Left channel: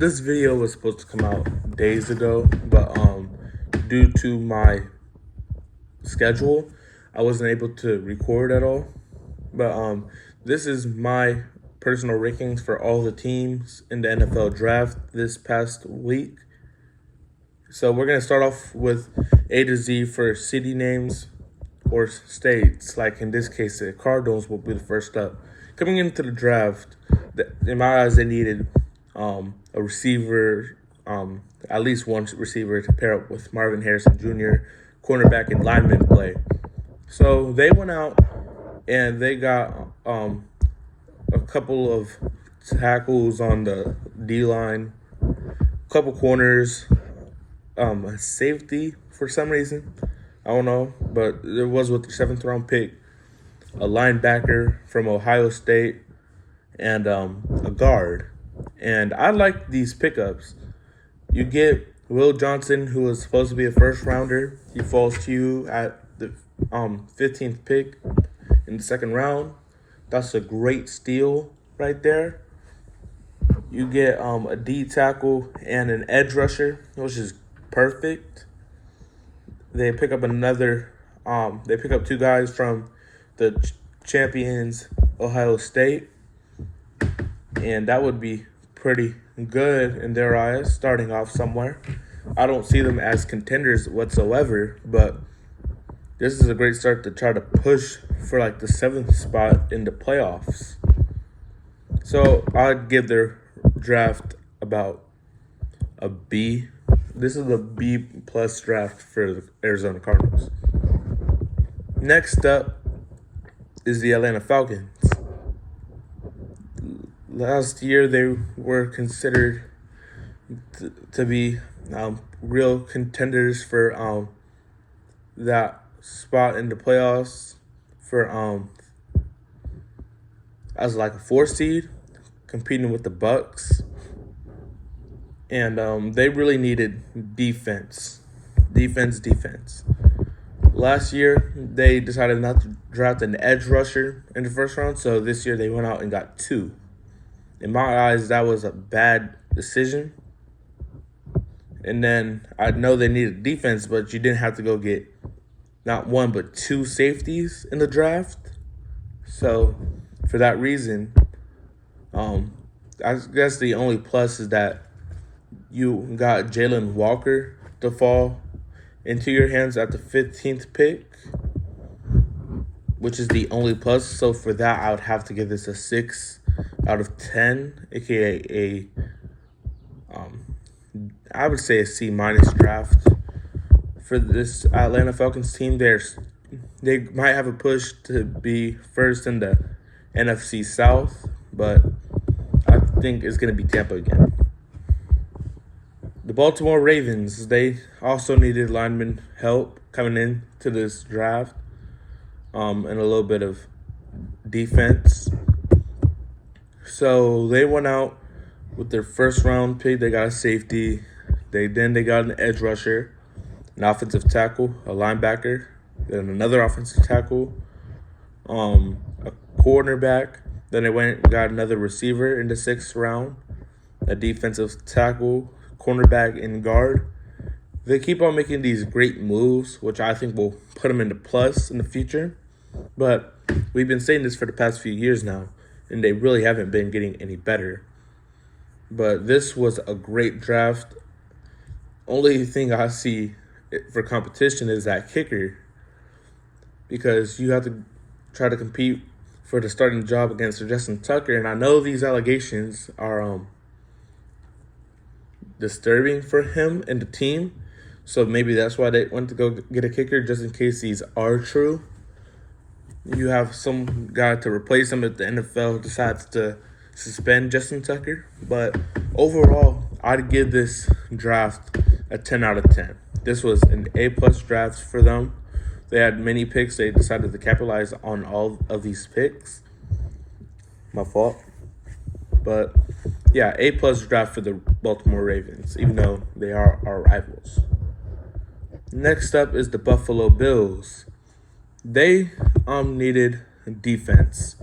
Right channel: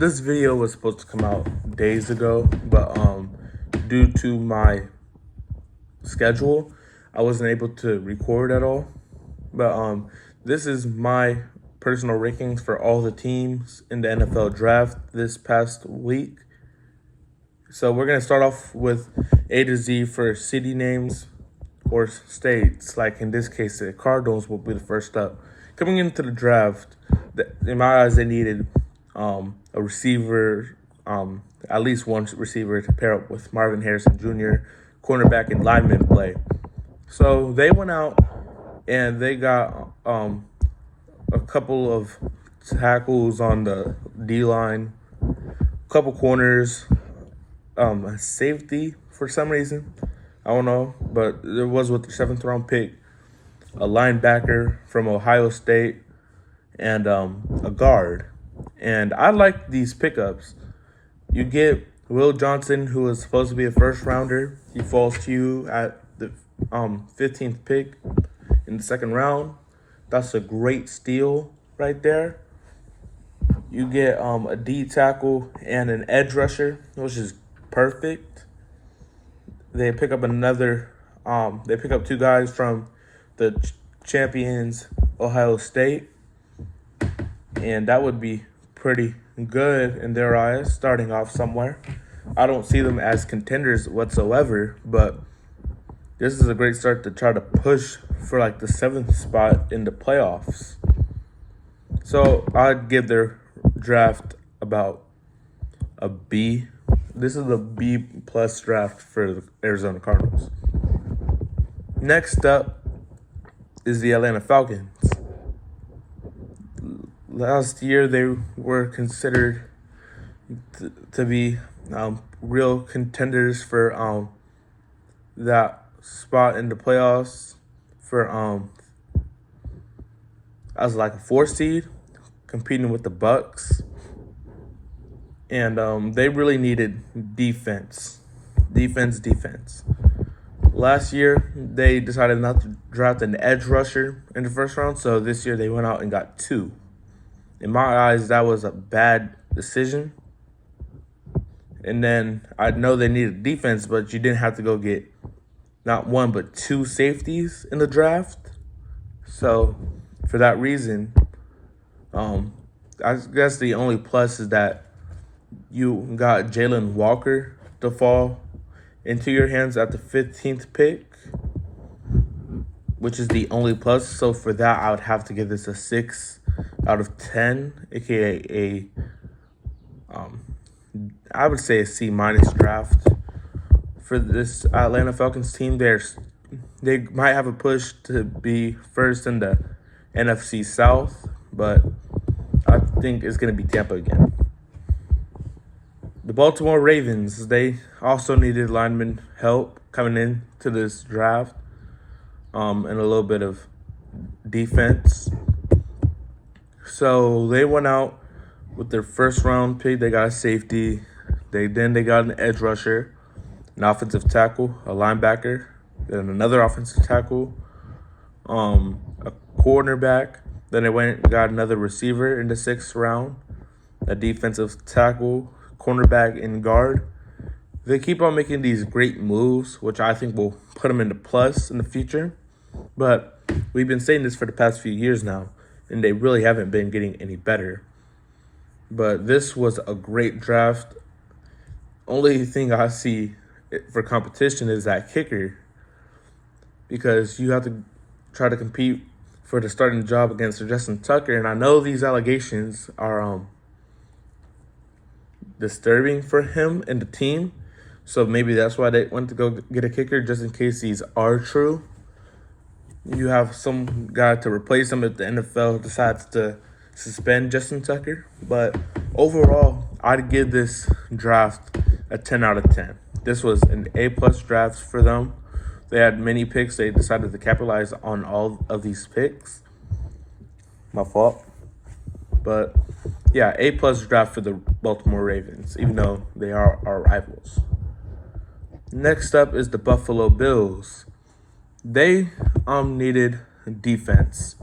This video was supposed to come out days ago, but due to my schedule, I wasn't able to record at all. But this is my personal rankings for all the teams in the NFL draft this past week. So we're gonna start off with A to Z for city names or states. Like in this case, the Cardinals will be the first up. Coming into the draft, in my eyes, they needed a receiver, at least one receiver to pair up with Marvin Harrison Jr., cornerback and lineman play. So they went out and they got a couple of tackles on the D-line, a couple corners, a safety for some reason. I don't know, but it was with the 7th round pick, a linebacker from Ohio State, and a guard. And I like these pickups. You get Will Johnson, who is supposed to be a first rounder. He falls to you at the 15th pick in the 2nd round. That's a great steal right there. You get a D tackle and an edge rusher, which is perfect. They pick up they pick up 2 guys from the champions Ohio State, and that would be pretty good in their eyes, starting off somewhere. I don't see them as contenders whatsoever, but this is a great start to try to push for like the 7th spot in the playoffs. So I'd give their draft about a B. This is a B plus draft for the Arizona Cardinals. Next up is the Atlanta Falcons. Last year, they were considered to be real contenders for that spot in the playoffs for as like a 4 seed, competing with the Bucks. And they really needed defense. Last year, they decided not to draft an edge rusher in the 1st round, so this year they went out and got 2. In my eyes, that was a bad decision. And then I know they needed defense, but you didn't have to go get not 1 but 2 safeties in the draft. So for that reason, I guess the only plus is that you got Jalen Walker to fall into your hands at the 15th pick, which is the only plus. So for that, I would have to give this a 6 out of 10, aka I would say a C minus draft for this Atlanta Falcons team. They might have a push to be first in the NFC South, but I think it's going to be Tampa again. The Baltimore Ravens, they also needed lineman help coming into this draft, and a little bit of defense. So they went out with their 1st round pick. They got a safety. They got an edge rusher, an offensive tackle, a linebacker, then another offensive tackle, a cornerback. Then they went and got another receiver in the 6th round, a defensive tackle, cornerback, and guard. They keep on making these great moves, which I think will put them into plus in the future. But we've been saying this for the past few years now, and they really haven't been getting any better. But this was a great draft. Only thing I see for competition is that kicker, because you have to try to compete for the starting job against Justin Tucker. And I know these allegations are disturbing for him and the team. So maybe that's why they went to go get a kicker, just in case these are true. You have some guy to replace him if the NFL decides to suspend Justin Tucker. But overall, I'd give this draft a 10 out of 10. This was an A-plus draft for them. They had many picks. They decided to capitalize on all of these picks. My fault. But yeah, A-plus draft for the Baltimore Ravens, even though they are our rivals. Next up is the Buffalo Bills. They needed defense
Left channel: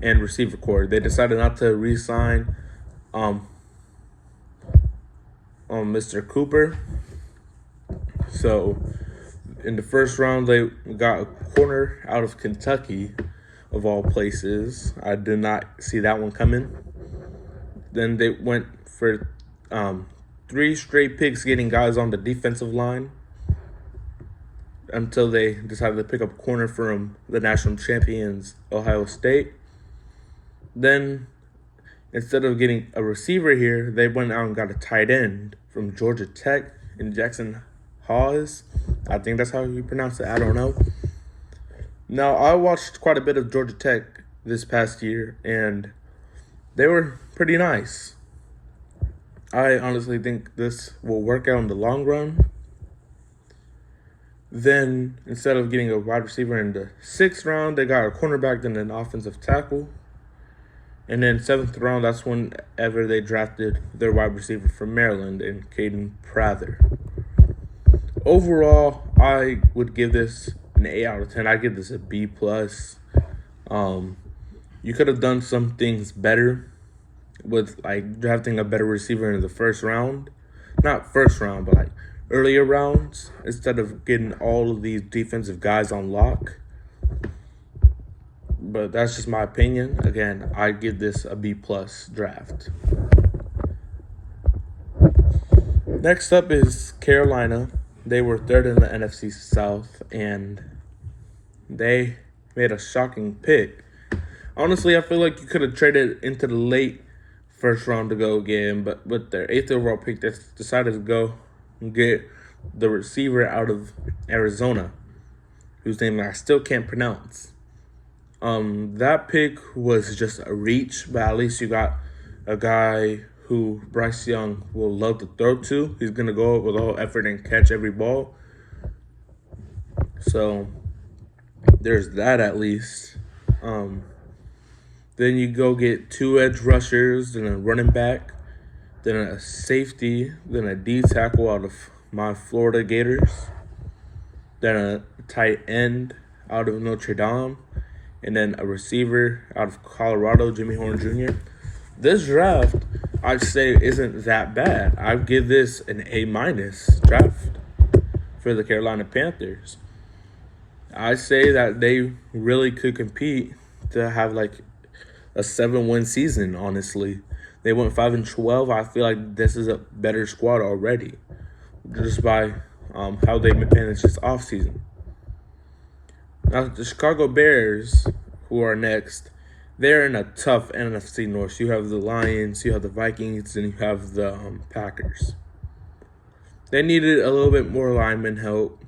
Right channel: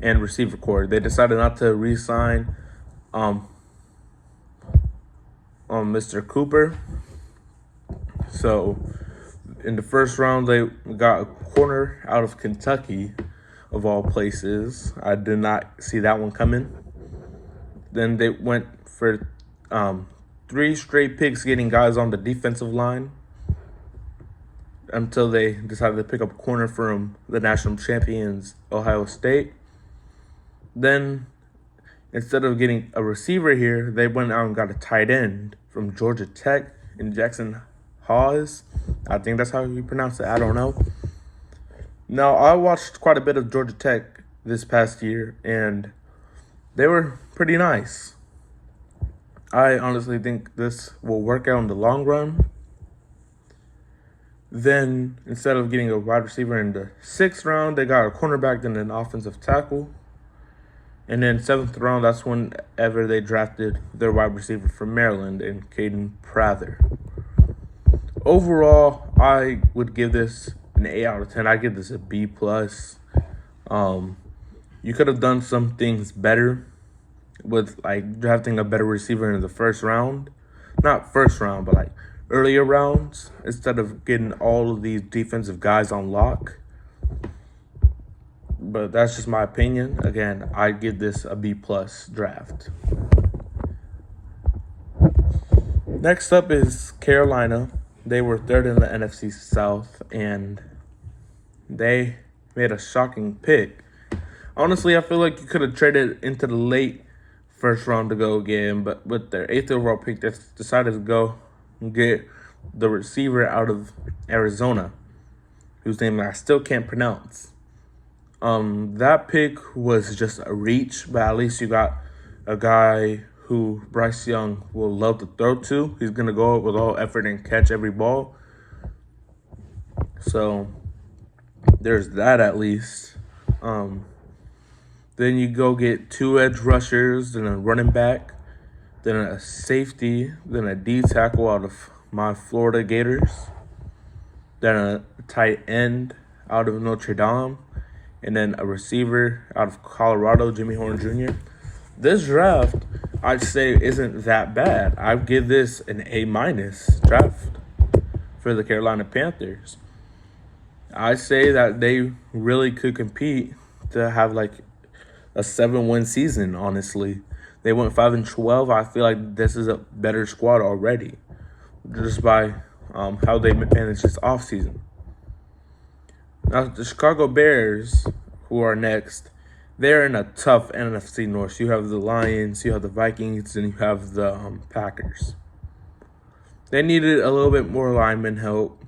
and receiver core. They decided not to re-sign Mr. Cooper. So in the first round, they got a corner out of Kentucky, of all places. I did not see that one coming. Then they went for 3 straight picks, getting guys on the defensive line until they decided to pick up a corner from the national champions, Ohio State. Then, instead of getting a receiver here, they went out and got a tight end from Georgia Tech in Jackson Hawes. I think that's how you pronounce it. I don't know. Now, I watched quite a bit of Georgia Tech this past year, and they were pretty nice. I honestly think this will work out in the long run. Then, instead of getting a wide receiver in the 6th round, they got a cornerback, then an offensive tackle. And then 7th round, that's whenever they drafted their wide receiver from Maryland and Caden Prather. Overall, I would give this an 8 out of 10. I give this a B+. You could have done some things better with like drafting a better receiver in the 1st round. Not 1st round, but like earlier rounds, instead of getting all of these defensive guys on lock. But that's just my opinion. Again, I give this a B+ draft. Next up is Carolina. They were 3rd in the NFC South, and they made a shocking pick. Honestly, I feel like you could have traded into the late 1st round to go again, but with their 8th overall pick, they decided to go and get the receiver out of Arizona, whose name I still can't pronounce. That pick was just a reach, but at least you got a guy who Bryce Young will love to throw to. He's going to go with all effort and catch every ball. So there's that at least. Then you go get 2 edge rushers, then a running back, then a safety, then a D tackle out of my Florida Gators, then a tight end out of Notre Dame, and then a receiver out of Colorado, Jimmy Horn Jr. This draft, I'd say, isn't that bad. I'd give this an A- draft for the Carolina Panthers. I say that they really could compete to have like a 7-win season, honestly. They went 5-12. I feel like this is a better squad already, just by how they managed this offseason. Now, the Chicago Bears, who are next, they're in a tough NFC North. You have the Lions, you have the Vikings, and you have the Packers. They needed a little bit more lineman help,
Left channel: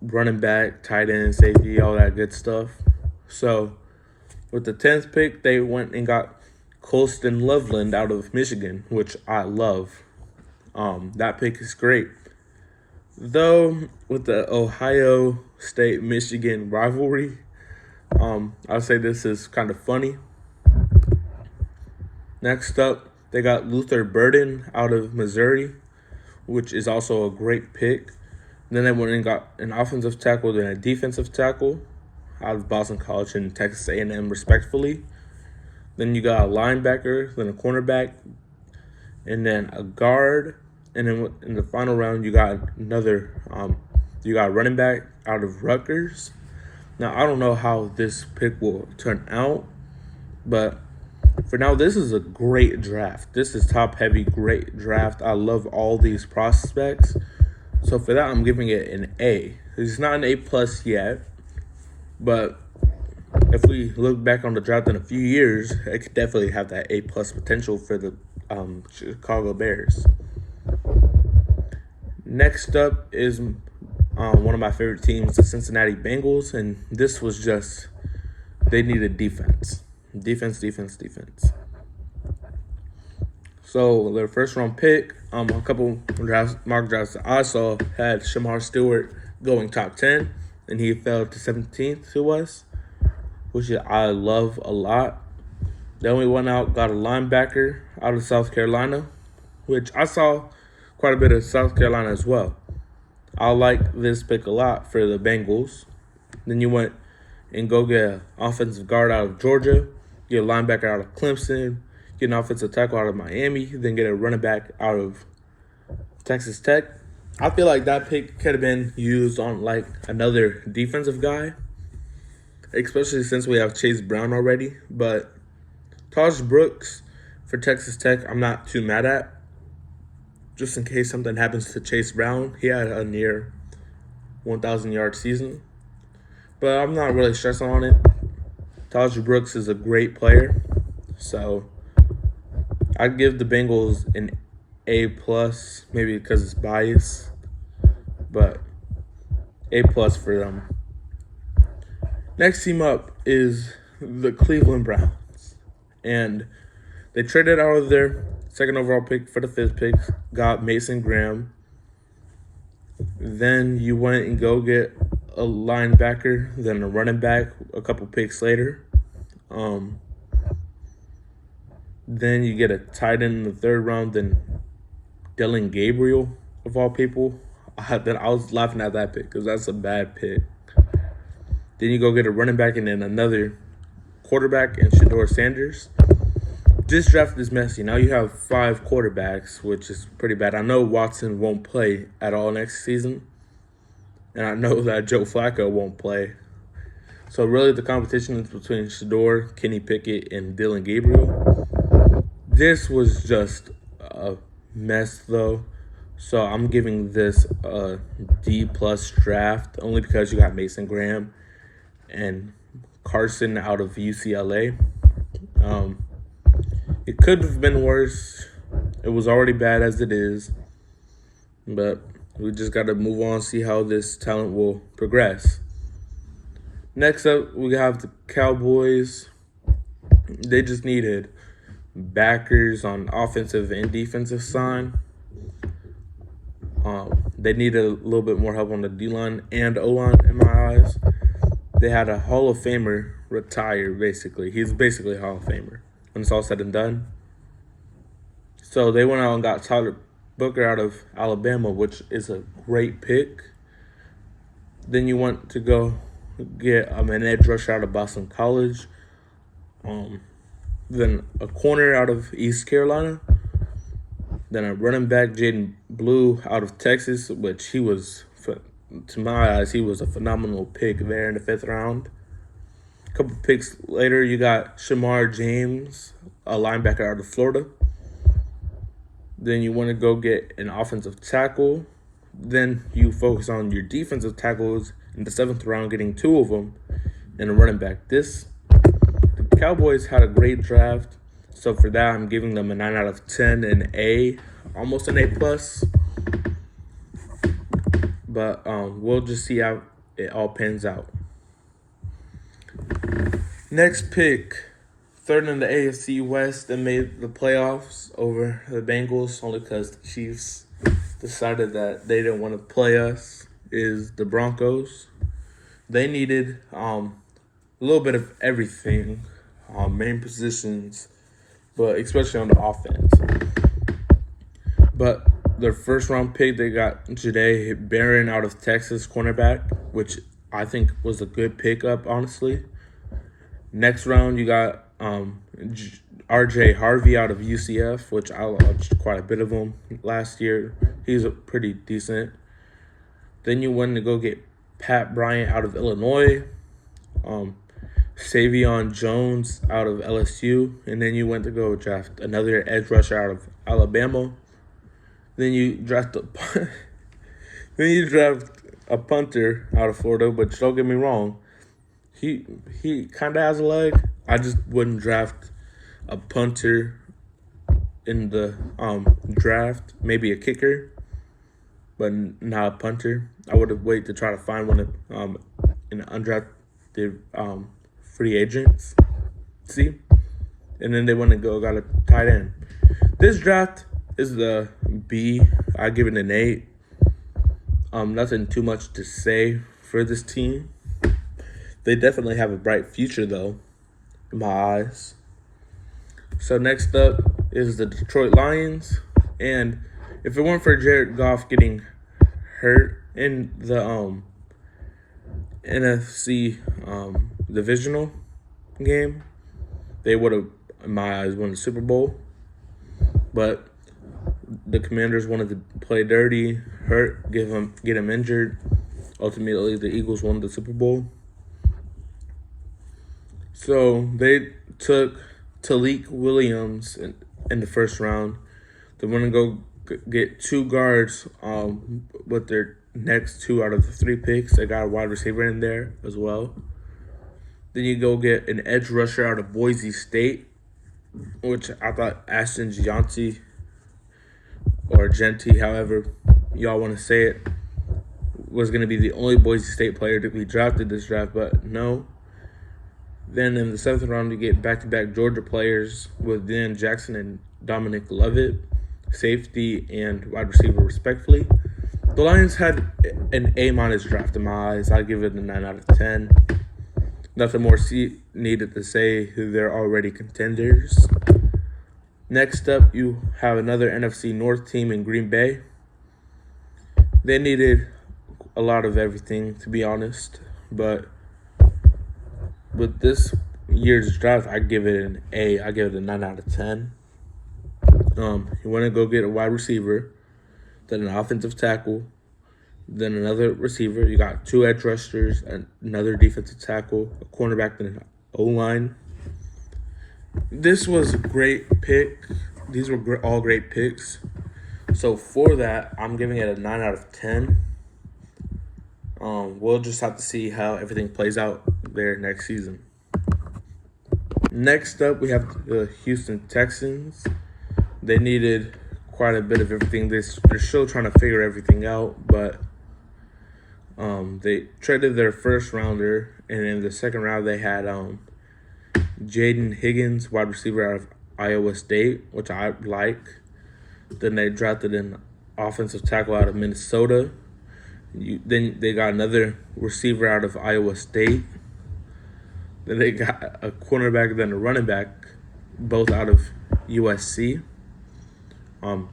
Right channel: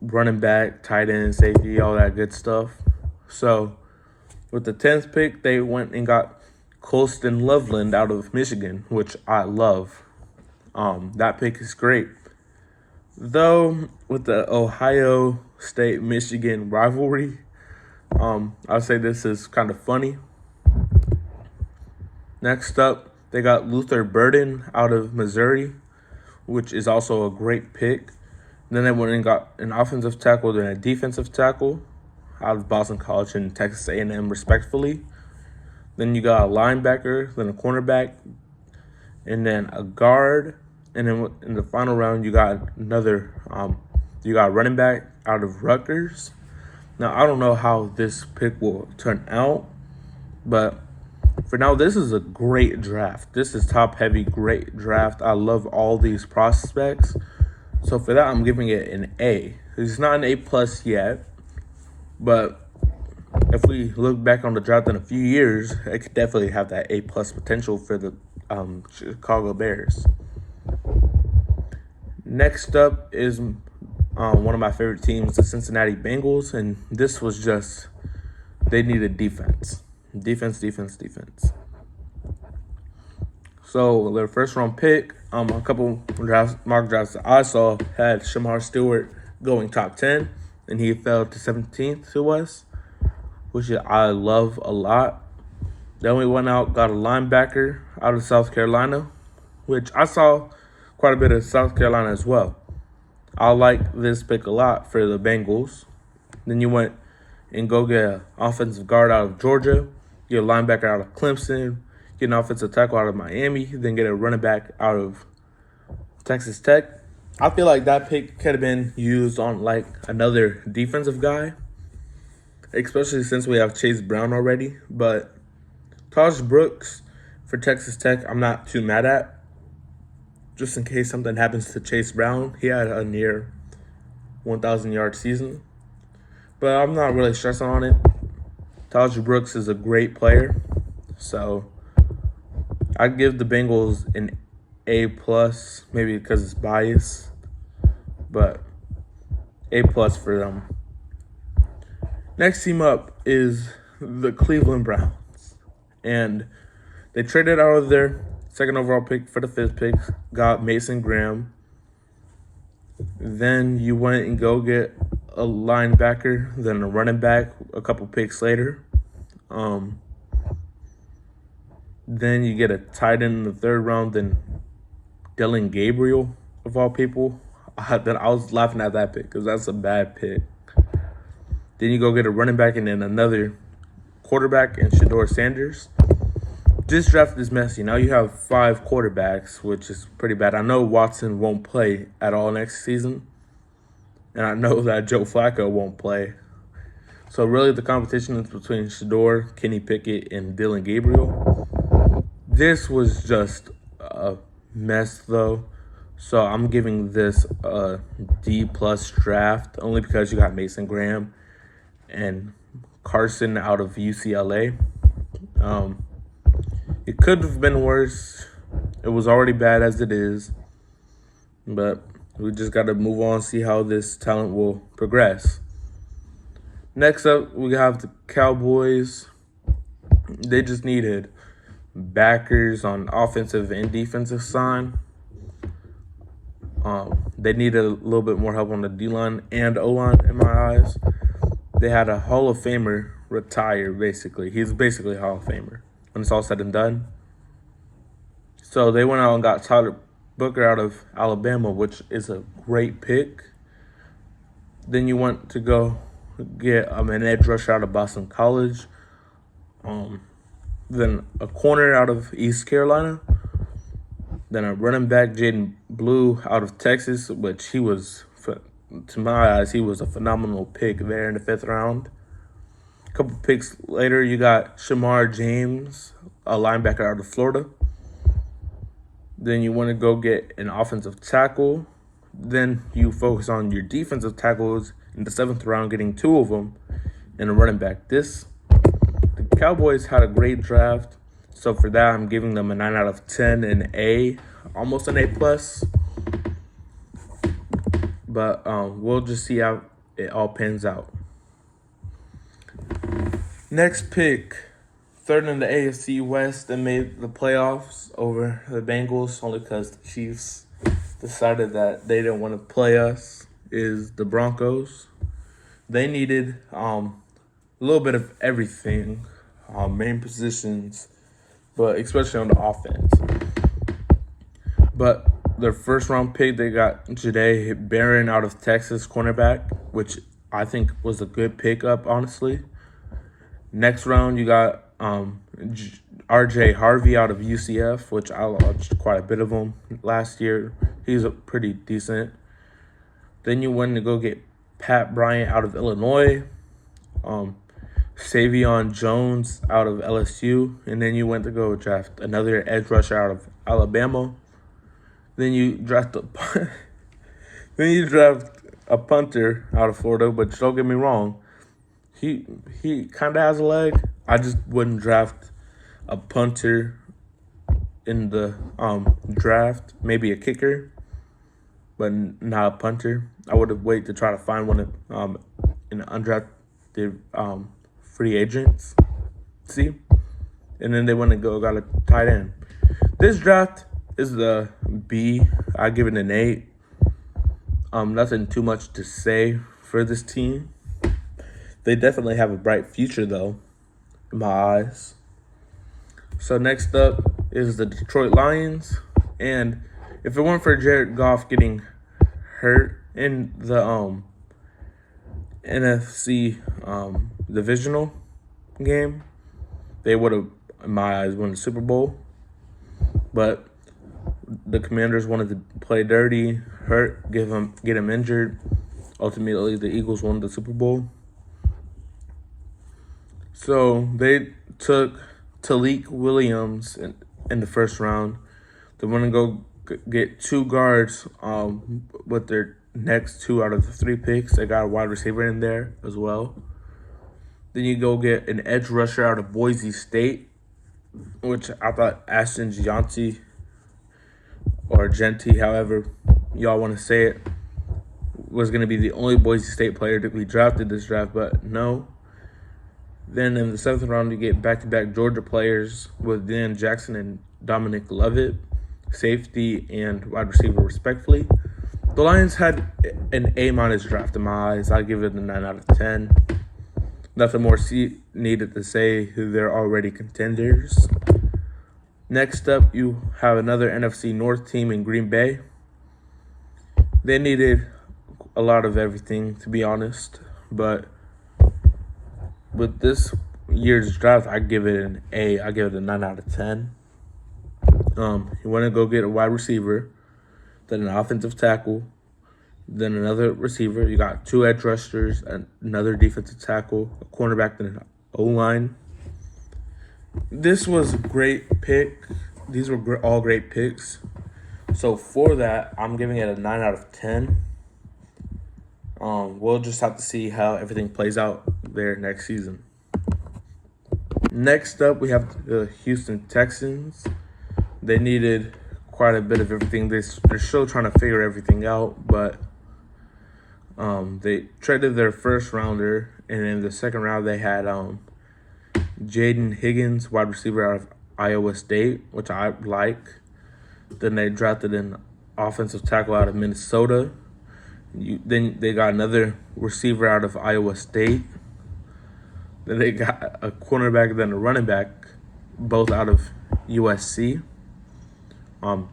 running back, tight end, safety, all that good stuff. So, with the 10th pick, they went and got Colston Loveland out of Michigan, which I love. That pick is great. Though, with the Ohio State-Michigan rivalry, I'll say this is kind of funny. Next up, they got Luther Burden out of Missouri, which is also a great pick. Then they went and got an offensive tackle, then a defensive tackle out of Boston College and Texas A&M, respectfully. Then you got a linebacker, then a cornerback, and then a guard. And then in the final round, you got another, you got a running back out of Rutgers. Now, I don't know how this pick will turn out, but for now, this is a great draft. This is top-heavy, great draft. I love all these prospects. So for that, I'm giving it an A. It's not an A+ yet, but if we look back on the draft in a few years, it could definitely have that A+ potential for the Chicago Bears. Next up is one of my favorite teams, the Cincinnati Bengals, and this was just, they needed defense. Defense. So their 1st round pick, a couple mock drafts that I saw had Shamar Stewart going top 10, and he fell to 17th to us, which I love a lot. Then we went out, got a linebacker out of South Carolina, which I saw quite a bit of South Carolina as well. I like this pick a lot for the Bengals. Then you went and go get an offensive guard out of Georgia, get a linebacker out of Clemson, get an offensive tackle out of Miami, then get a running back out of Texas Tech. I feel like that pick could have been used on like another defensive guy, especially since we have Chase Brown already. But Taj Brooks for Texas Tech, I'm not too mad at. Just in case something happens to Chase Brown, he had a near 1,000-yard season. But I'm not really stressing on it. Taj Brooks is a great player. So I give the Bengals an A+, maybe because it's biased. But A+ for them. Next team up is the Cleveland Browns. And they traded out of their second overall pick for the 5th pick, got Mason Graham. Then you went and go get a linebacker, then a running back a couple picks later. Then you get a tight end in the 3rd round, then Dillon Gabriel, of all people. Then I was laughing at that pick because that's a bad pick. Then you go get a running back and then another quarterback in Shedeur Sanders. This draft is messy. Now you have 5 quarterbacks, which is pretty bad. I know Watson won't play at all next season. And I know that Joe Flacco won't play. So really the competition is between Shedeur, Kenny Pickett, and Dillon Gabriel. This was just a mess though. So I'm giving this a D+ draft only because you got Mason Graham and Carson out of UCLA. It could have been worse. It was already bad as it is. But we just got to move on and see how this talent will progress. Next up, we have the Cowboys. They just needed backers on offensive and defensive side. They needed a little bit more help on the D-line and O-line in my eyes. They had a Hall of Famer retire, basically. He's basically a Hall of Famer when it's all said and done. So they went out and got Tyler Booker out of Alabama, which is a great pick. Then you went to go get an edge rusher out of Boston College. Then a corner out of East Carolina. Then a running back, Jaden Blue, out of Texas, which he was, to my eyes, he was a phenomenal pick there in the 5th round. A couple picks later, you got Shamar James, a linebacker out of Florida. Then you want to go get an offensive tackle. Then you focus on your defensive tackles in the 7th round, getting 2 of them, and a running back. The Cowboys had a great draft. So for that, I'm giving them a 9 out of 10, an A, almost an A+. But we'll just see how it all pans out. Next pick, 3rd in the AFC West that made the playoffs over the Bengals, only because the Chiefs decided that they didn't want to play us, is the Broncos. They needed a little bit of everything, main positions, but especially on the offense. But their 1st round pick, they got Jahdae Barron out of Texas, cornerback, which I think was a good pickup, honestly. Next round, you got RJ Harvey out of UCF, which I watched quite a bit of him last year. He was pretty decent. Then you went to go get Pat Bryant out of Illinois. Savion Jones out of LSU, and then you went to go draft another edge rusher out of Alabama. Then you draft a punter out of Florida, but don't get me wrong, he kind of has a leg. I just wouldn't draft a punter in the draft, maybe a kicker, but not a punter. I would have waited to try to find one in the undrafted free agents. See? And then they went and got a tight end. This draft is the B. I give it an 8. Nothing too much to say for this team. They definitely have a bright future, though, in my eyes. So next up is the Detroit Lions. And if it weren't for Jared Goff getting hurt in the NFC divisional game, they would have in my eyes, win the Super Bowl. But the Commanders wanted to play dirty, get him injured. Ultimately, the Eagles won the Super Bowl. So they took Talik Williams in the first round. They're going to go get 2 guards with their next 2 out of the 3 picks. They got a wide receiver in there as well. Then you go get an edge rusher out of Boise State, which I thought Ashton Gianti or Genti, however y'all want to say it, was going to be the only Boise State player to be drafted this draft, but no. Then in the 7th round, you get back-to-back Georgia players with Dan Jackson and Dominic Lovett, safety and wide receiver respectively. The Lions had an A- draft in my eyes. I give it a 9 out of 10. Nothing more needed to say. They're already contenders. Next up, you have another NFC North team in Green Bay. They needed a lot of everything, to be honest. But with this year's draft, I give it an A. I give it a 9 out of 10. You want to go get a wide receiver, then an offensive tackle, then another receiver. You got 2 edge rushers, another defensive tackle, a cornerback, then an O-line. This was a great pick. These were all great picks. So for that, I'm giving it a 9 out of 10. We'll just have to see how everything plays out there next season. Next up, we have the Houston Texans. They needed quite a bit of everything. They're still trying to figure everything out, but they traded their first rounder, and in the second round, they had Jaden Higgins, wide receiver out of Iowa State, which I like. Then they drafted an offensive tackle out of Minnesota. Then they got another receiver out of Iowa State. Then they got a cornerback, then a running back, both out of USC,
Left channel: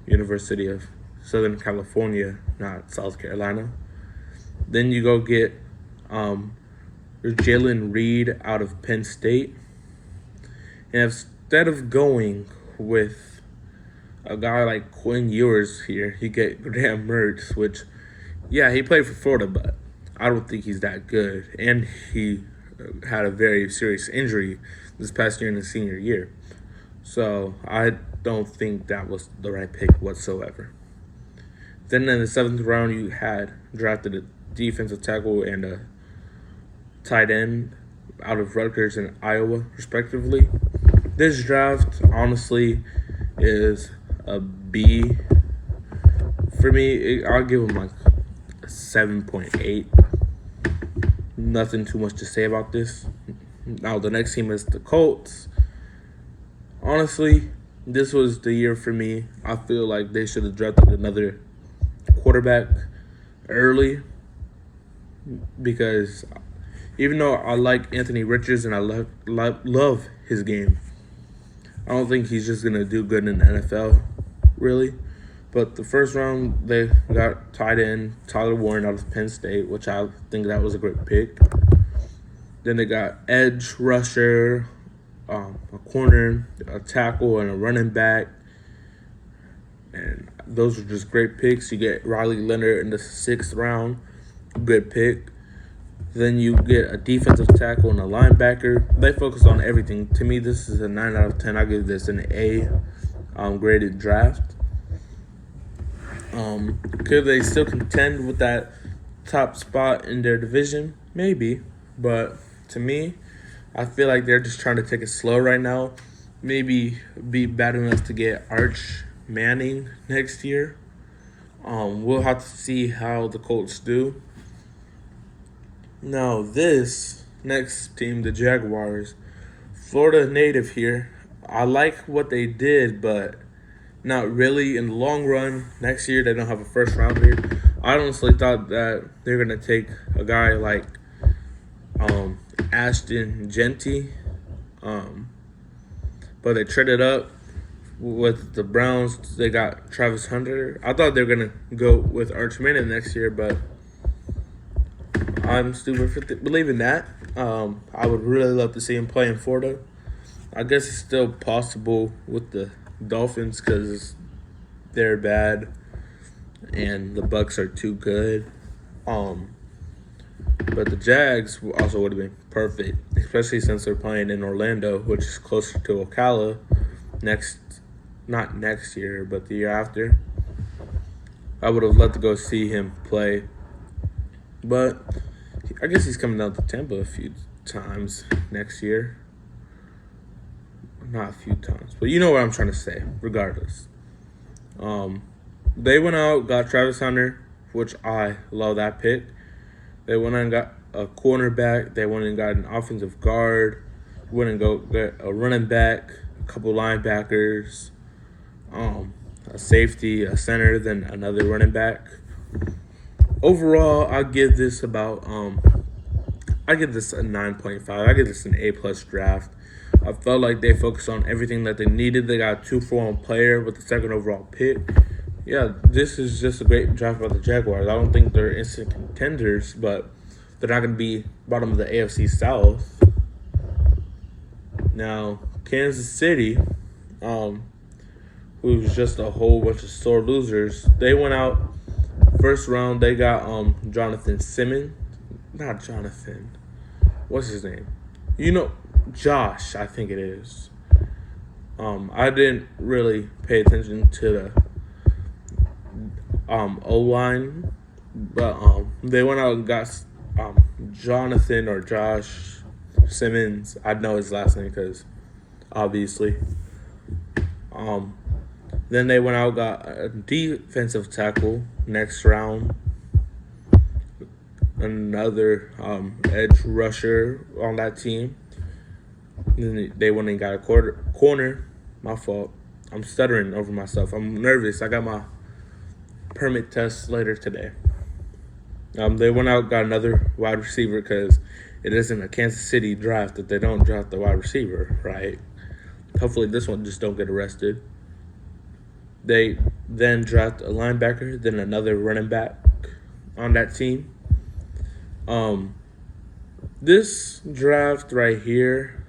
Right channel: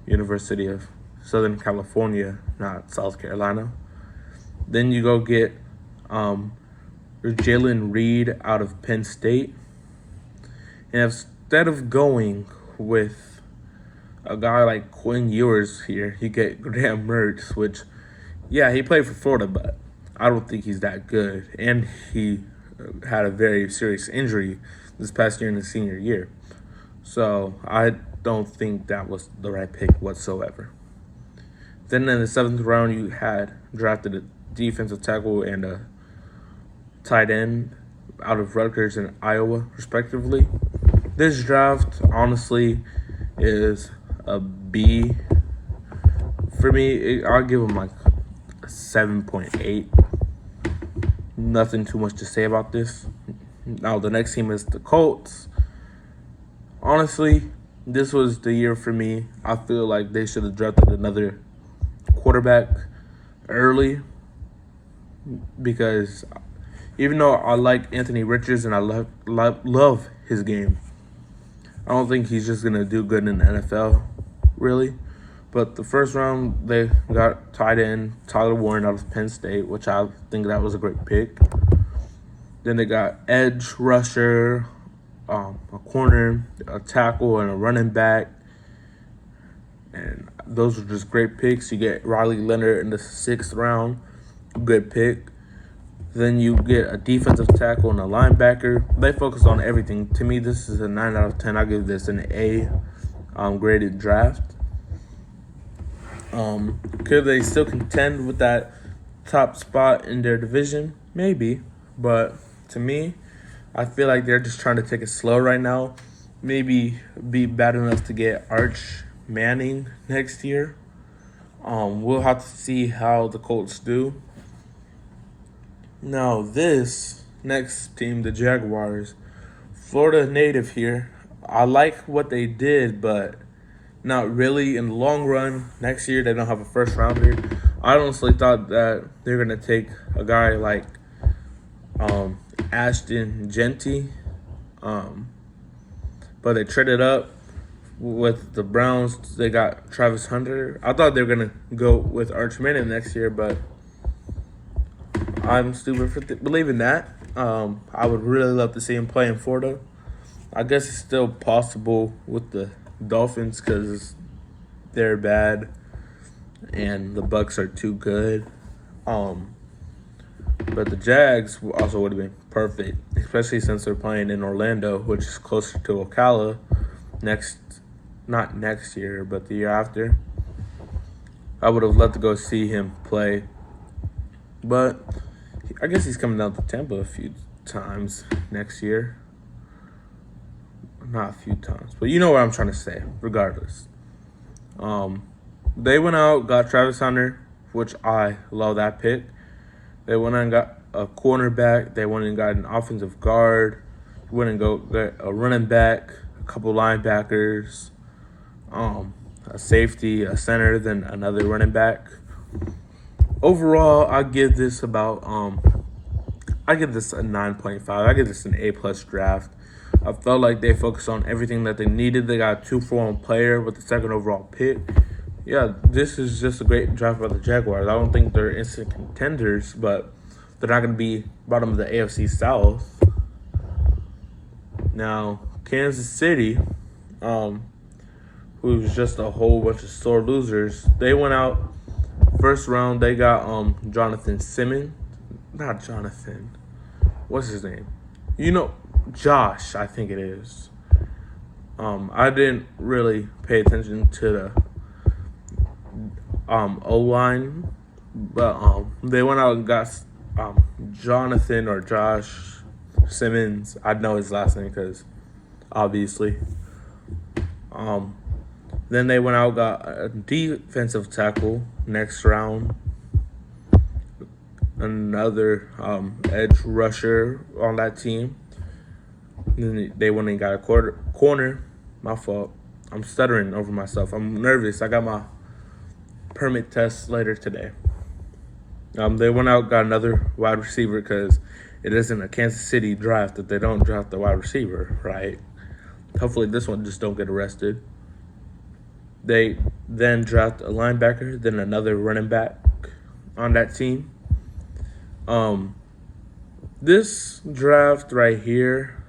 University of Southern California, not South Carolina. Then you go get Jalen Reed out of Penn State. And instead of going with a guy like Quinn Ewers here, he get Graham Mertz, which, yeah, he played for Florida, but I don't think he's that good. And he had a very serious injury this past year in his senior year. So I don't think that was the right pick whatsoever. Then in the 7th round, you had drafted a defensive tackle and a tight end out of Rutgers and Iowa, respectively. This draft, honestly, is a B. For me, I'll give him like a 7.8. Nothing too much to say about this. Now, the next team is the Colts. Honestly, this was the year for me. I feel like they should have drafted another quarterback early, because even though I like Anthony Richards and I love his game, I don't think he's just going to do good in the NFL, really. But the first round, they got tight end Tyler Warren out of Penn State, which I think that was a great pick. Then they got edge rusher, a corner, a tackle, and a running back. And those were just great picks. You get Riley Leonard in the 6th round, good pick. Then you get a defensive tackle and a linebacker. They focus on everything. To me, this is a 9 out of 10. I give this an A graded draft. Could they still contend with that top spot in their division? Maybe. But to me, I feel like they're just trying to take it slow right now. Maybe be bad enough to get Arch Manning next year. We'll have to see how the Colts do. Now, this next team, the Jaguars, Florida native here. I like what they did, but not really. In the long run, next year they don't have a first rounder. I honestly thought that they're going to take a guy like Ashton Genti, but they traded up with the Browns. They got Travis Hunter. I thought they were going to go with Arch Manning next year, but I'm stupid for believing that. I would really love to see him play in Florida. I guess it's still possible with the Dolphins because they're bad and the Bucks are too good. But the Jags also would have been perfect, especially since they're playing in Orlando, which is closer to Ocala not next year, but the year after. I would have loved to go see him play. But I guess he's coming down to Tampa a few times next year. Not a few times, but you know what I'm trying to say, regardless. They went out, got Travis Hunter, which I love that pick. They went and got a cornerback. They went and got an offensive guard. Went and got a running back, a couple linebackers, a safety, a center, then another running back. Overall, I give this a 9.5. I give this an A+ draft. I felt like they focused on everything that they needed. They got a 2-for-1 player with the second overall pick. Yeah, this is just a great draft by the Jaguars. I don't think they're instant contenders, but they're not going to be bottom of the AFC South. Now, Kansas City, who's just a whole bunch of sore losers, they went out first round. They got Jonathan Simmons. Not Jonathan. What's his name? Josh, I think it is. I didn't really pay attention to the O-line, but they went out and got Jonathan or Josh Simmons. I know his last name because obviously. Then they went out and got a defensive tackle next round. Another edge rusher on that team. Then they went and got a corner. My fault. I'm stuttering over myself. I'm nervous. I got my permit test later today. They went out and got another wide receiver because it isn't a Kansas City draft that they don't draft the wide receiver, right? Hopefully this one just don't get arrested. They then draft a linebacker, then another running back on that team. This draft right here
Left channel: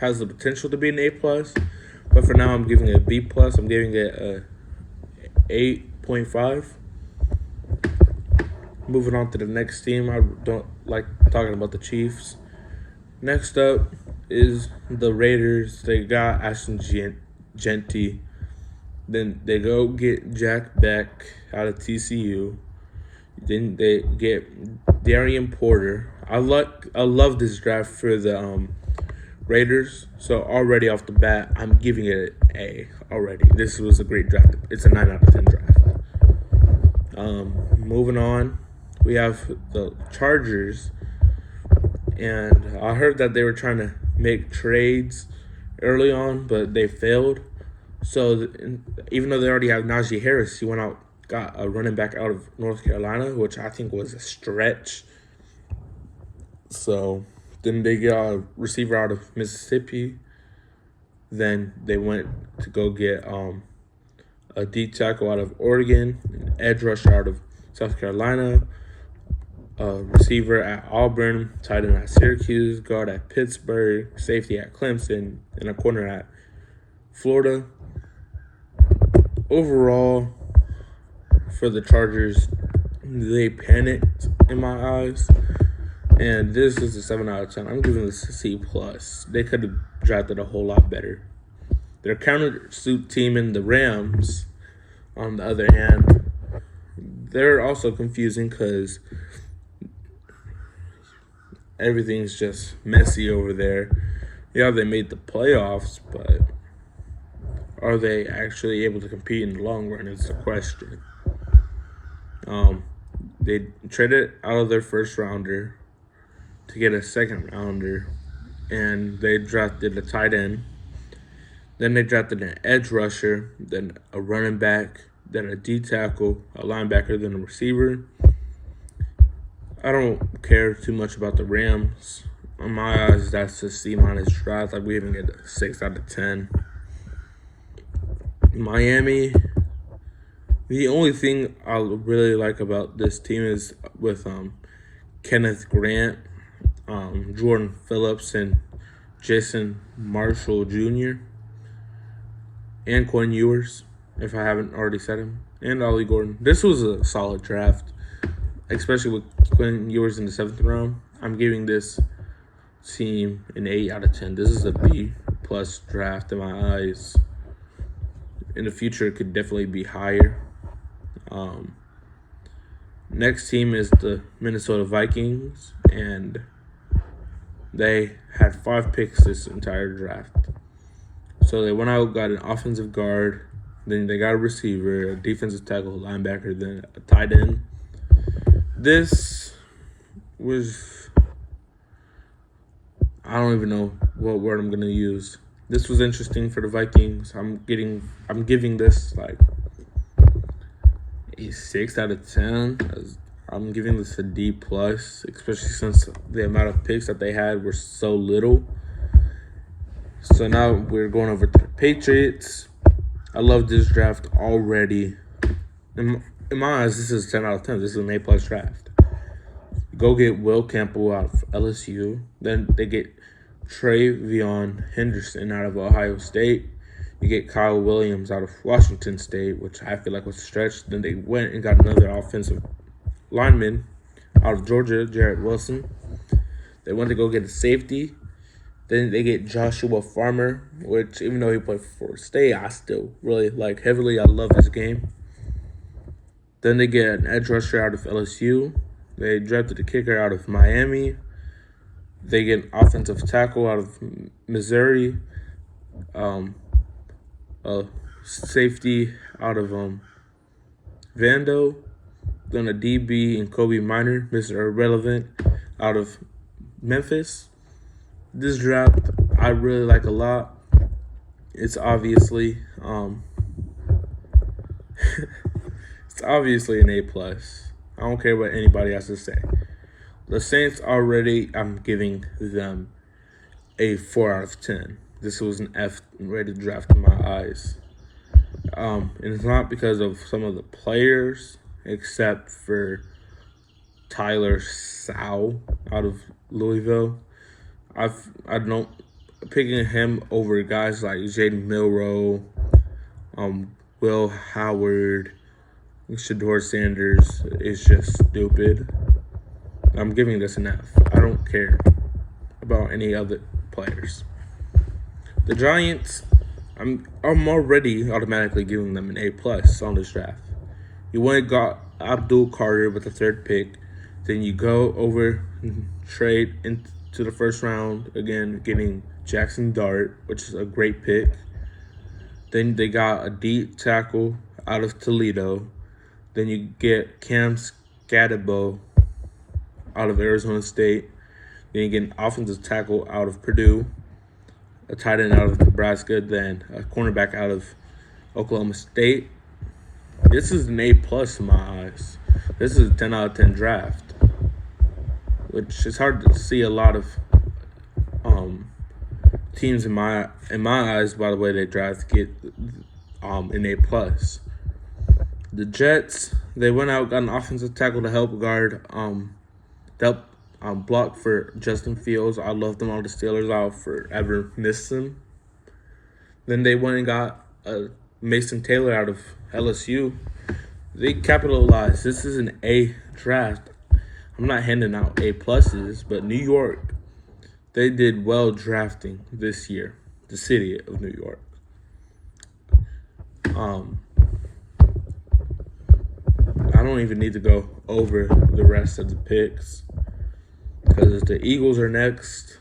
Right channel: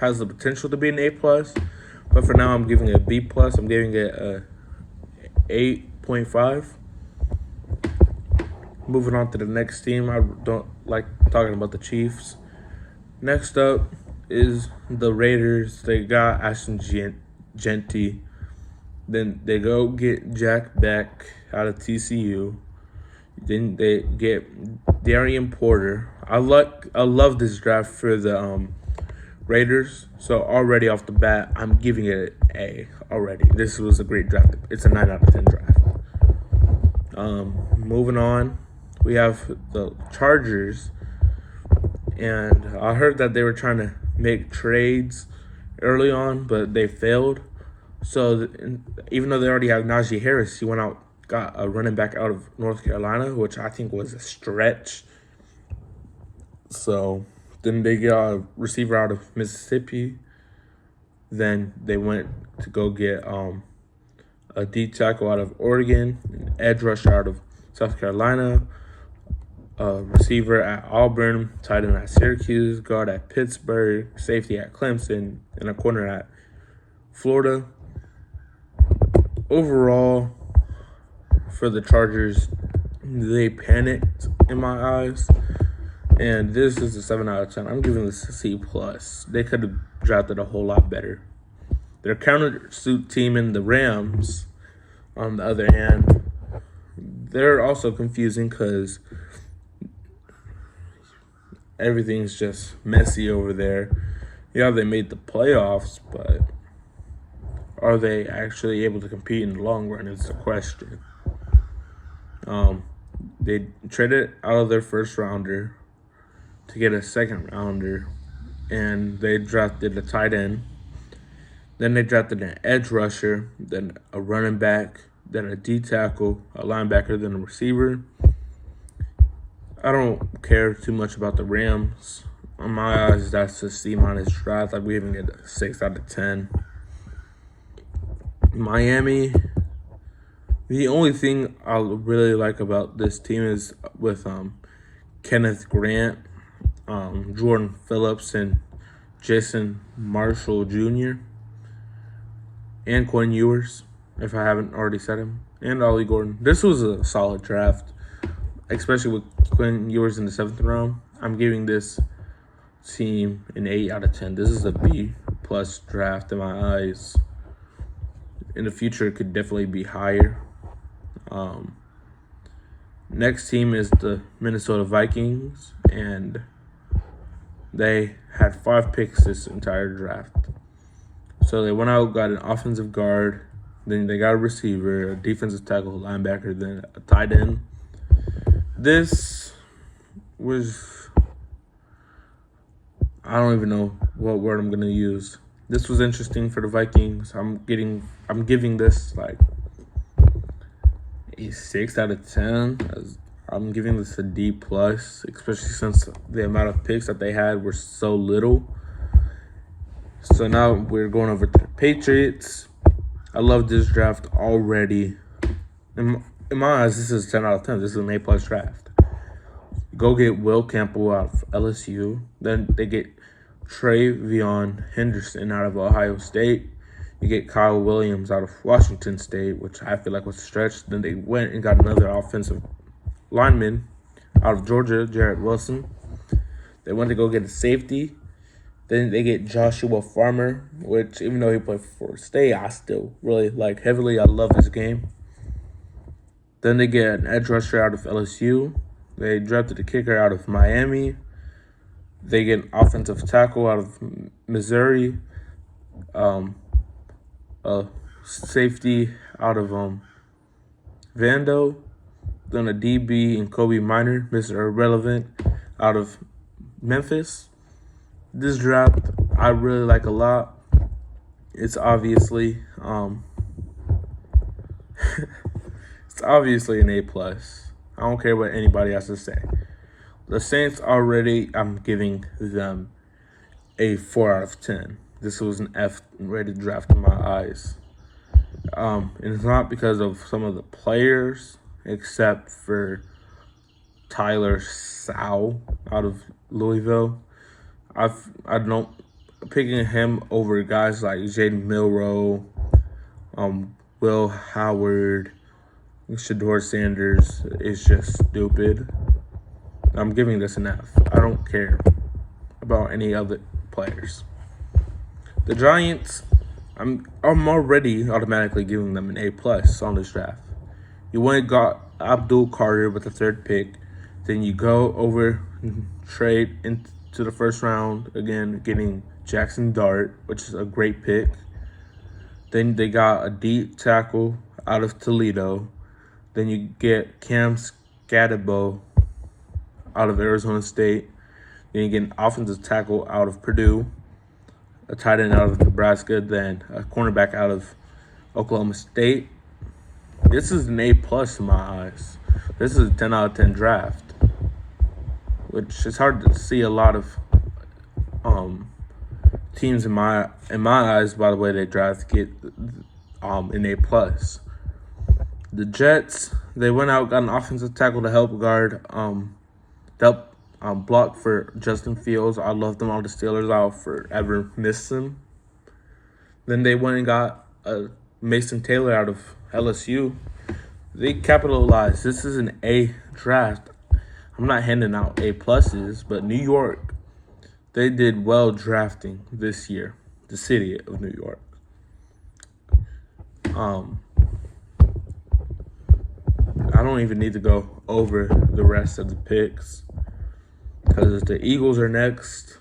has the potential to be an A+, but for now I'm giving it a B+. I'm giving it a 8.5. Moving on to the next team. I don't like talking about the Chiefs. Next up is the Raiders. They got Ashton Jeanty. Then they go get Jack Beck out of TCU. Then they get Darian Porter. I love this draft for the Raiders. So already off the bat, I'm giving it an A already. This was a great draft. It's a 9 out of 10 draft. Moving on, we have the Chargers. And I heard that they were trying to make trades early on, but they failed. So even though they already have Najee Harris, he went out, got a running back out of North Carolina, which I think was a stretch. So then they got a receiver out of Mississippi. Then they went to go get a D tackle out of Oregon, an edge rusher out of South Carolina, a receiver at Auburn, tight end at Syracuse, guard at Pittsburgh, safety at Clemson, and a corner at Florida. Overall, for the Chargers, they panicked in my eyes. And this is a 7 out of 10. I'm giving this a C+. They could have drafted a whole lot better. Their countersuit team in the Rams, on the other hand, they're also confusing because everything's just messy over there. Yeah, they made the playoffs, but are they actually able to compete in the long run is the question. They traded out of their first rounder to get a second rounder, and they drafted a tight end. Then they drafted an edge rusher, then a running back, then a D tackle, a linebacker, then a receiver. I don't care too much about the Rams. In my eyes, that's a C- draft. I'm giving it a 6 out of 10. Miami, the only thing I really like about this team is with Kenneth Grant, Jordan Phillips, and Jason Marshall Jr. and Quinn Ewers, if I haven't already said him, and Ollie Gordon. This was a solid draft, especially with Quinn Ewers in the 7th round. I'm giving this team an 8 out of 10. This is a B plus draft in my eyes. In the future, it could definitely be higher. Next team is the Minnesota Vikings, and they had 5 picks this entire draft. So they went out, got an offensive guard, then they got a receiver, a defensive tackle, linebacker, then a tight end. This was, I don't even know what word I'm gonna use. This was interesting for the Vikings. I'm giving this like a 6 out of 10. I'm giving this a D plus, especially since the amount of picks that they had were so little. So now we're going over to the Patriots. I love this draft already. In my eyes, this is 10 out of 10. This is an A plus draft. Go get Will Campbell out of LSU. Then they get Travion Henderson out of Ohio State. You get Kyle Williams out of Washington State, which I feel like was a stretch. Then they went and got another offensive lineman out of Georgia, Jarrett Wilson. They went to go get a safety. Then they get Joshua Farmer, which even though he played for State, I still really like heavily. I love his game. Then they get an edge rusher out of LSU. They drafted a kicker out of Miami. They get an offensive tackle out of Missouri. A safety out of Vando. Then a DB and Kobe Minor, Mr. Irrelevant, out of Memphis. This draft I really like a lot. It's obviously it's obviously an A plus. I don't care what anybody has to say. The Saints already, I'm giving them a 4 out of 10. This was an F-rated draft in my eyes. And it's not because of some of the players, except for Tyler Sau out of Louisville. I don't picking him over guys like Jaden Milroe, Will Howard, Shedeur Sanders is just stupid. I'm giving this an F. I don't care about any other players. The Giants, I'm already automatically giving them an A plus on this draft. You went and got Abdul Carter with the 3rd pick. Then you go over and trade into the 1st round, again getting Jackson Dart, which is a great pick. Then they got a deep tackle out of Toledo. Then you get Cam Scatabo out of Arizona State. Then you get an offensive tackle out of Purdue, a tight end out of Nebraska, then a cornerback out of Oklahoma State. This is an A plus in my eyes. This is a 10 out of 10 draft, which is hard to see a lot of teams in my eyes. By the way, they draft get an A plus. The Jets, they went out, got an offensive tackle to help guard, block for Justin Fields. I love them all. The Steelers, I'll forever miss them. Then they went and got Mason Taylor out of LSU. They capitalized. This is an A draft. I'm not handing out A pluses, but New York, they did well drafting this year. The city of New York. I don't even need to go over the rest of the picks because the Eagles are next,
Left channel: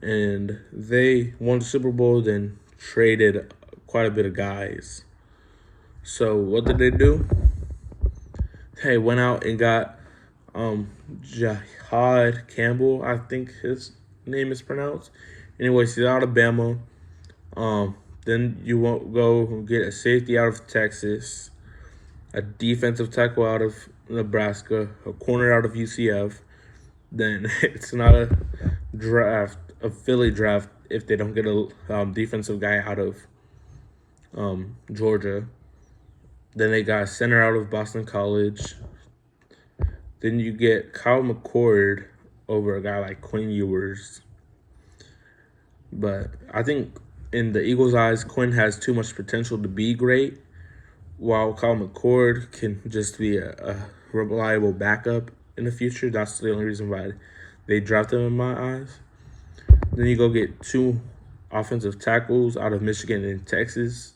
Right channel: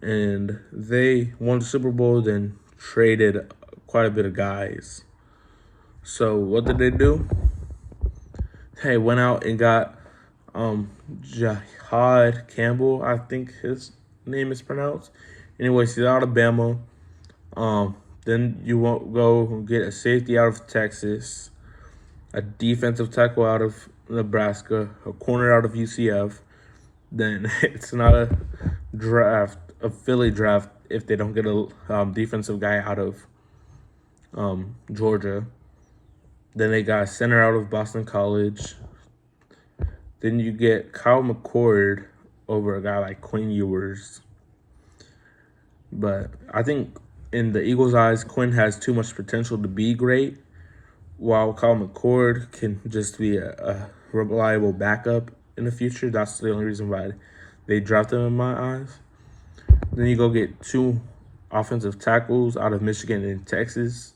and they won the Super Bowl, then traded quite a bit of guys. So what did they do? They went out and got Jihad Campbell, I think his name is pronounced. Anyways, he's out of Alabama. Then you won't go get a safety out of Texas, a defensive tackle out of Nebraska, a corner out of UCF. Then it's not a draft, a Philly draft, if they don't get a defensive guy out of Georgia. Then they got a center out of Boston College. Then you get Kyle McCord over a guy like Quinn Ewers. But I think in the Eagles' eyes, Quinn has too much potential to be great, while Kyle McCord can just be a reliable backup in the future. That's the only reason why they drafted him in my eyes. Then you go get 2 offensive tackles out of Michigan and Texas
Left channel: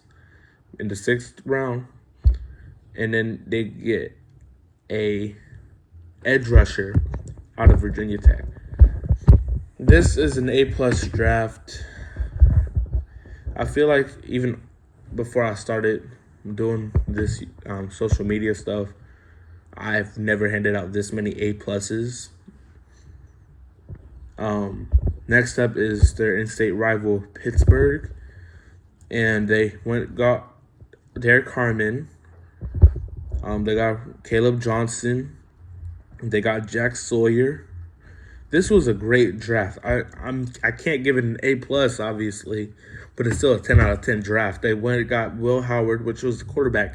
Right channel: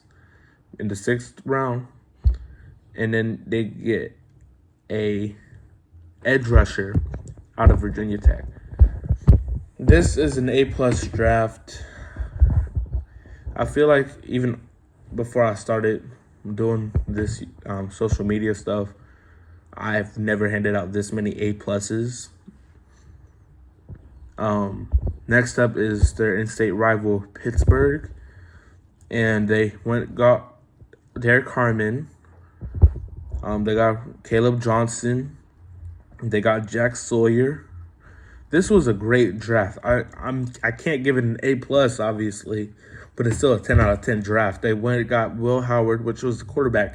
in the 6th round. And then they get a edge rusher out of Virginia Tech. This is an A-plus draft. I feel like even before I started doing this social media stuff, I've never handed out this many A-pluses. Next up is their in-state rival, Pittsburgh. And they got Derek Harmon. They got Caleb Johnson. They got Jack Sawyer. This was a great draft. I can't give it an A+, obviously, but it's still a 10 out of 10 draft. They got Will Howard, which was the quarterback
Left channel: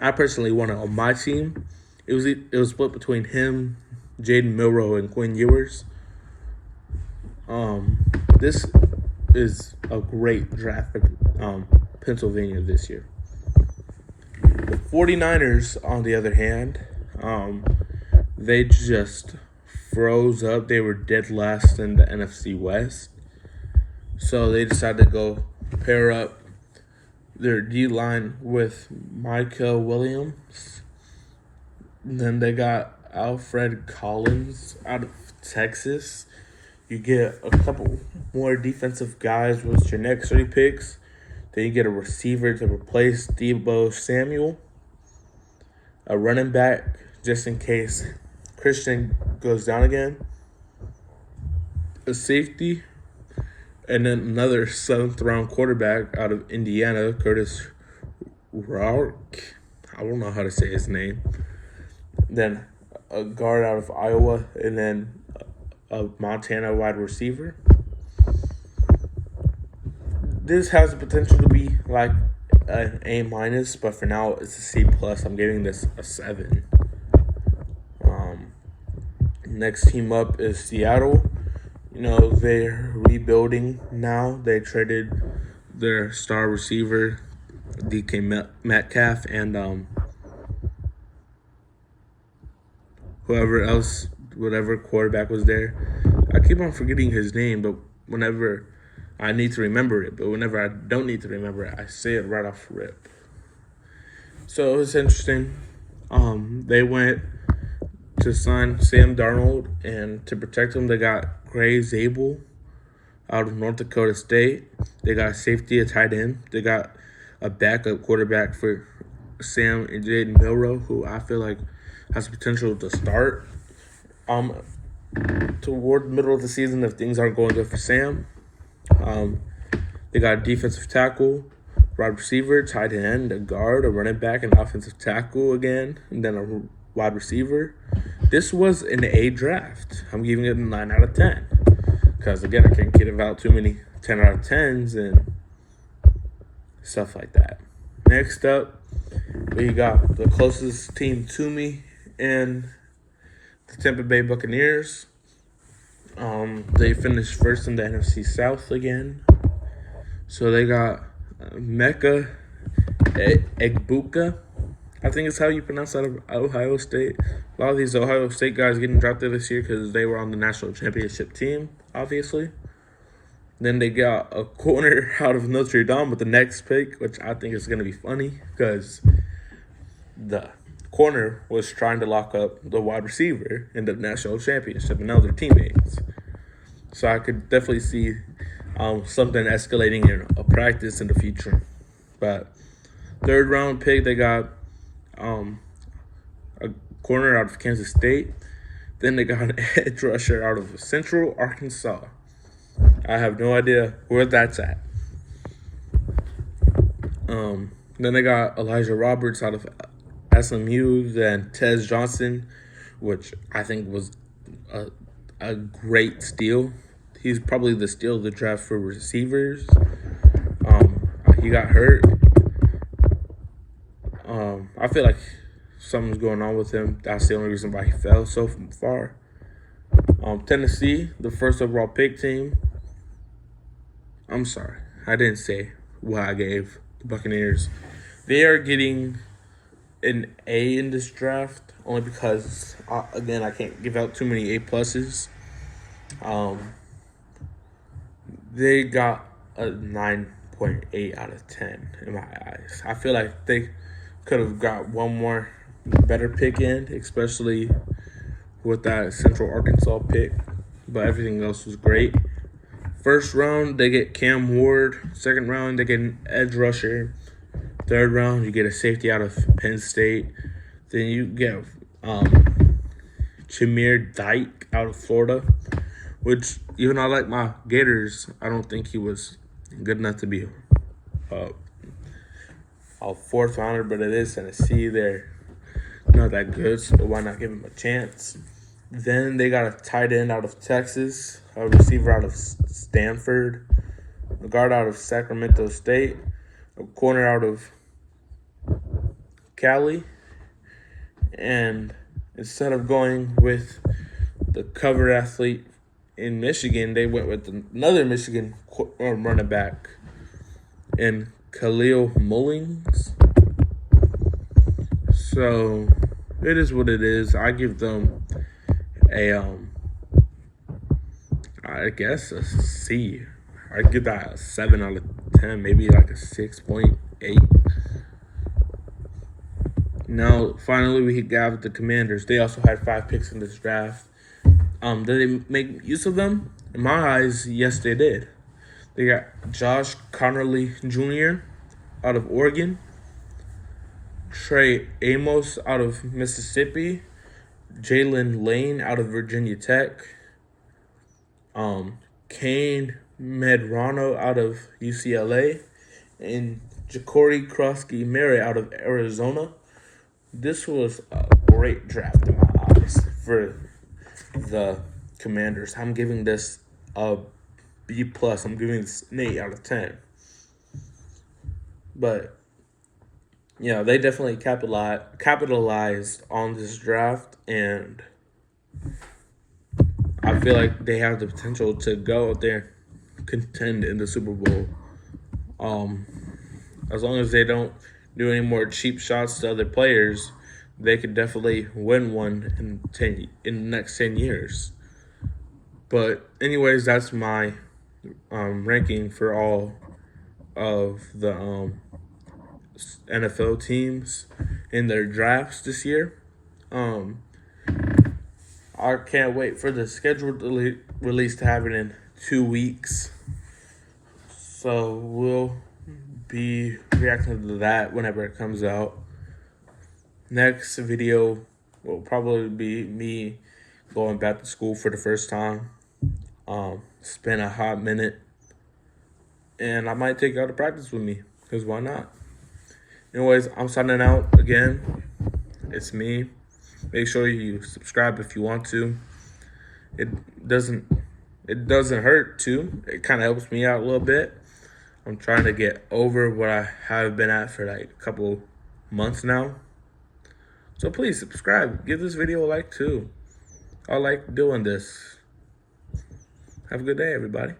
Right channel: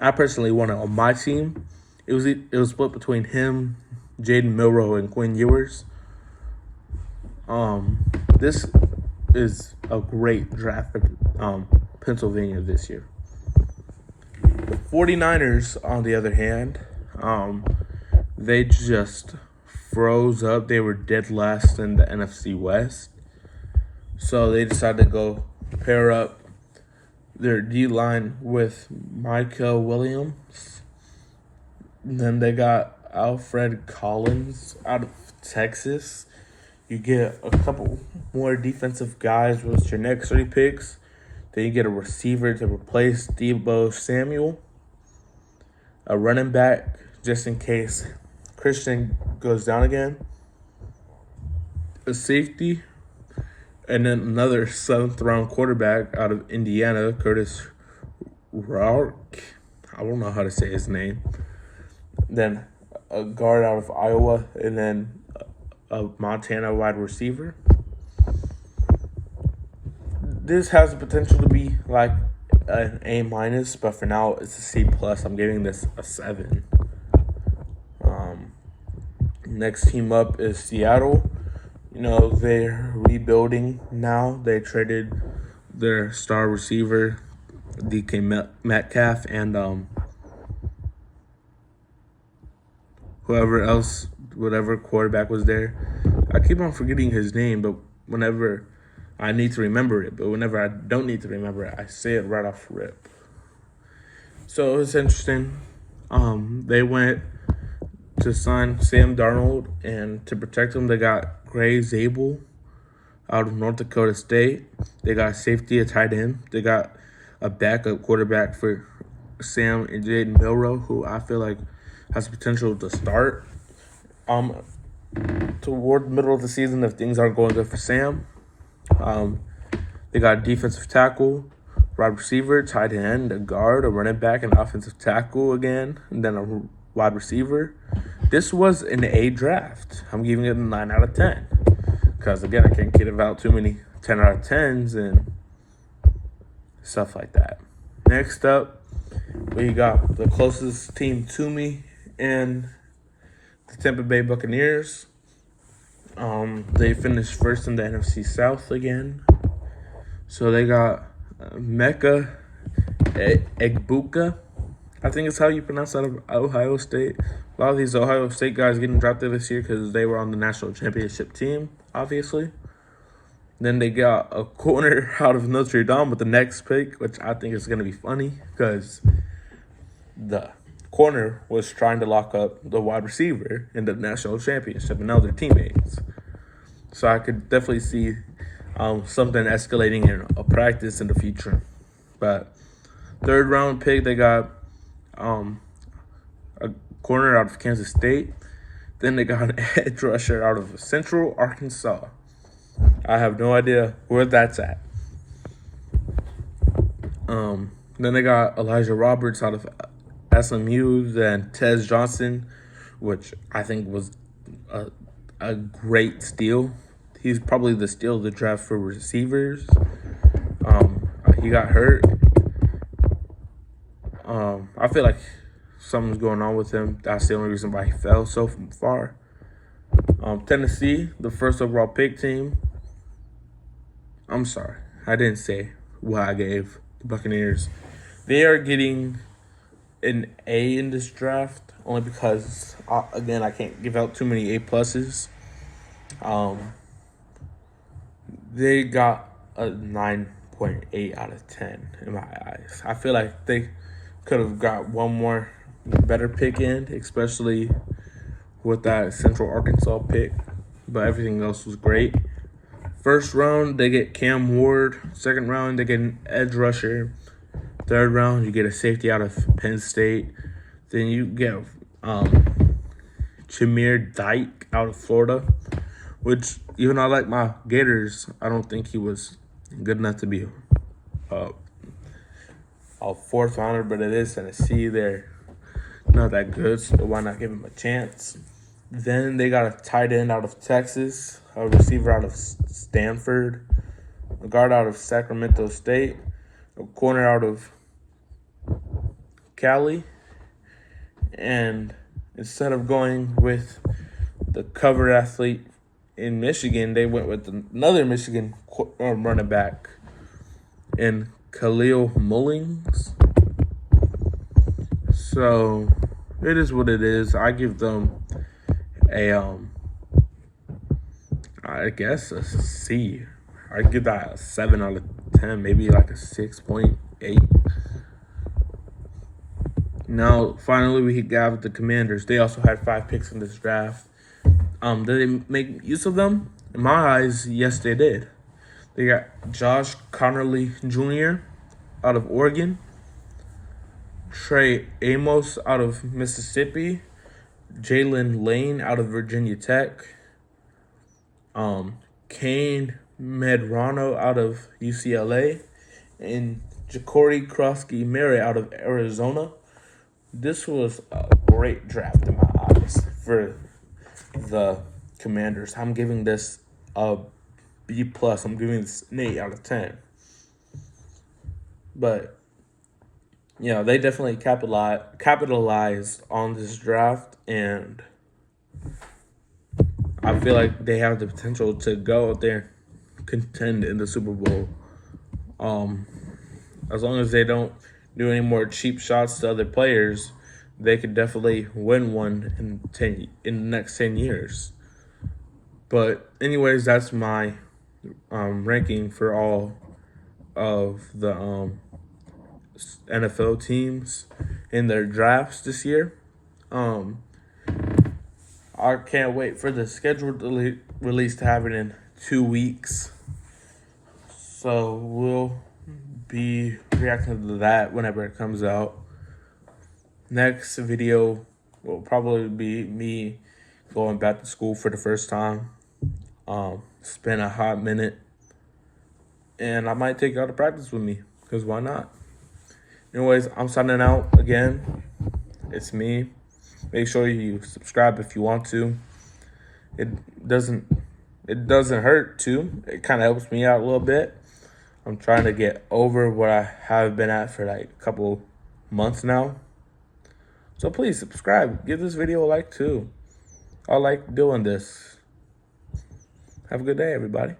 I personally wanted on my team. It was split between him, Jaden Milroe, and Quinn Ewers. This is a great draft for Pennsylvania this year. The 49ers, on the other hand, they just froze up. They were dead last in the NFC West. So they decided to go pair up their D-line with Michael Williams. Then they got Alfred Collins out of Texas. You get a couple more defensive guys with your next 3 picks. Then you get a receiver to replace Deebo Samuel. A running back just in case Christian goes down again. A safety. And then another 7th round quarterback out of Indiana, Curtis Rourke. I don't know how to say his name. Then a guard out of Iowa, and then a Montana wide receiver. This has the potential to be like an A-, but for now it's a C+. I'm giving this a 7. Next team up is Seattle. They're rebuilding now. They traded their star receiver, DK Metcalf, and whatever quarterback was there. I keep on forgetting his name, but whenever I need to remember it, but whenever I don't need to remember it, I say it right off rip. So it was interesting. They went to sign Sam Darnold, and to protect him, they got Gray Zabel out of North Dakota State. They got safety, a tight end. They got a backup quarterback for Sam and Jaden Milroe, who I feel like has potential to start toward the middle of the season if things aren't going good for Sam. They got a defensive tackle, wide receiver, tight end, a guard, a running back, an offensive tackle again, and then a wide receiver. This was an A draft. I'm giving it a 9 out of 10. Because, again, I can't give out too many 10 out of 10s and stuff like that. Next up, we got the closest team to me in the Tampa Bay Buccaneers. They finished first in the NFC South again. So they got Mecca Egbuka. I think it's how you pronounce that, of Ohio State. A lot of these Ohio State guys getting drafted this year because they were on the national championship team, obviously. Then they got a corner out of Notre Dame with the next pick, which I think is going to be funny because the corner was trying to lock up the wide receiver in the national championship, and now they're teammates. So I could definitely see something escalating in a practice in the future. But 3rd round pick, they got a corner out of Kansas State. Then they got an edge rusher out of Central Arkansas. I have no idea where that's at. Then they got Elijah Roberts out of SMU, then Tez Johnson, which I think was a great steal. He's probably the steal of the draft for receivers. He got hurt. I feel like something's going on with him. That's the only reason why he fell so far. Tennessee, the 1st overall pick team. I'm sorry, I didn't say what I gave the Buccaneers. They are getting an A in this draft only because, again, I can't give out too many A pluses. They got a 9.8 out of 10 in my eyes. I feel like they could have got one more better pick in, especially with that Central Arkansas pick, but everything else was great. First round, they get Cam Ward. Second round, they get an edge rusher. Third round, you get a safety out of Penn State. Then you get Chimere Dike out of Florida, which, even though I like my Gators, I don't think he was good enough to be a fourth rounder, but it is Tennessee. They're not that good, so why not give him a chance? Then they got a tight end out of Texas, a receiver out of Stanford, a guard out of Sacramento State, a corner out of Cali, and instead of going with the cover athlete in Michigan, they went with another Michigan running back in Khalil Mullings. So it is what it is. I give them I guess a C. I give that a 7 out of 10, maybe like a 6.8. Now, finally, we got the Commanders. They also had 5 picks in this draft. Did they make use of them? In my eyes, yes, they did. They got Josh Connerly Jr. out of Oregon, Trey Amos out of Mississippi, Jalen Lane out of Virginia Tech, Kane Medrano out of UCLA, and Ja'Cory Krosky-Merritt out of Arizona. This was a great draft in my eyes for the Commanders. I'm giving this a B+. I'm giving this an 8 out of 10. But, you know, they definitely capitalized on this draft, and I feel like they have the potential to go out there and contend in the Super Bowl. As long as they don't do any more cheap shots to other players, they could definitely win one in the next 10 years. But anyways, that's my ranking for all of the NFL teams in their drafts this year. I can't wait for the scheduled release to happen in 2 weeks. So we'll be reacting to that whenever it comes out. Next video will probably be me going back to school for the first time. It's been a hot minute, and I might take y'all to practice with me, because why not? Anyways, I'm signing out again. It's me. Make sure you subscribe if you want to. It doesn't hurt to. It kind of helps me out a little bit. I'm trying to get over what I have been at for like a couple months now. So please subscribe. Give this video a like too. I like doing this. Have a good day, everybody.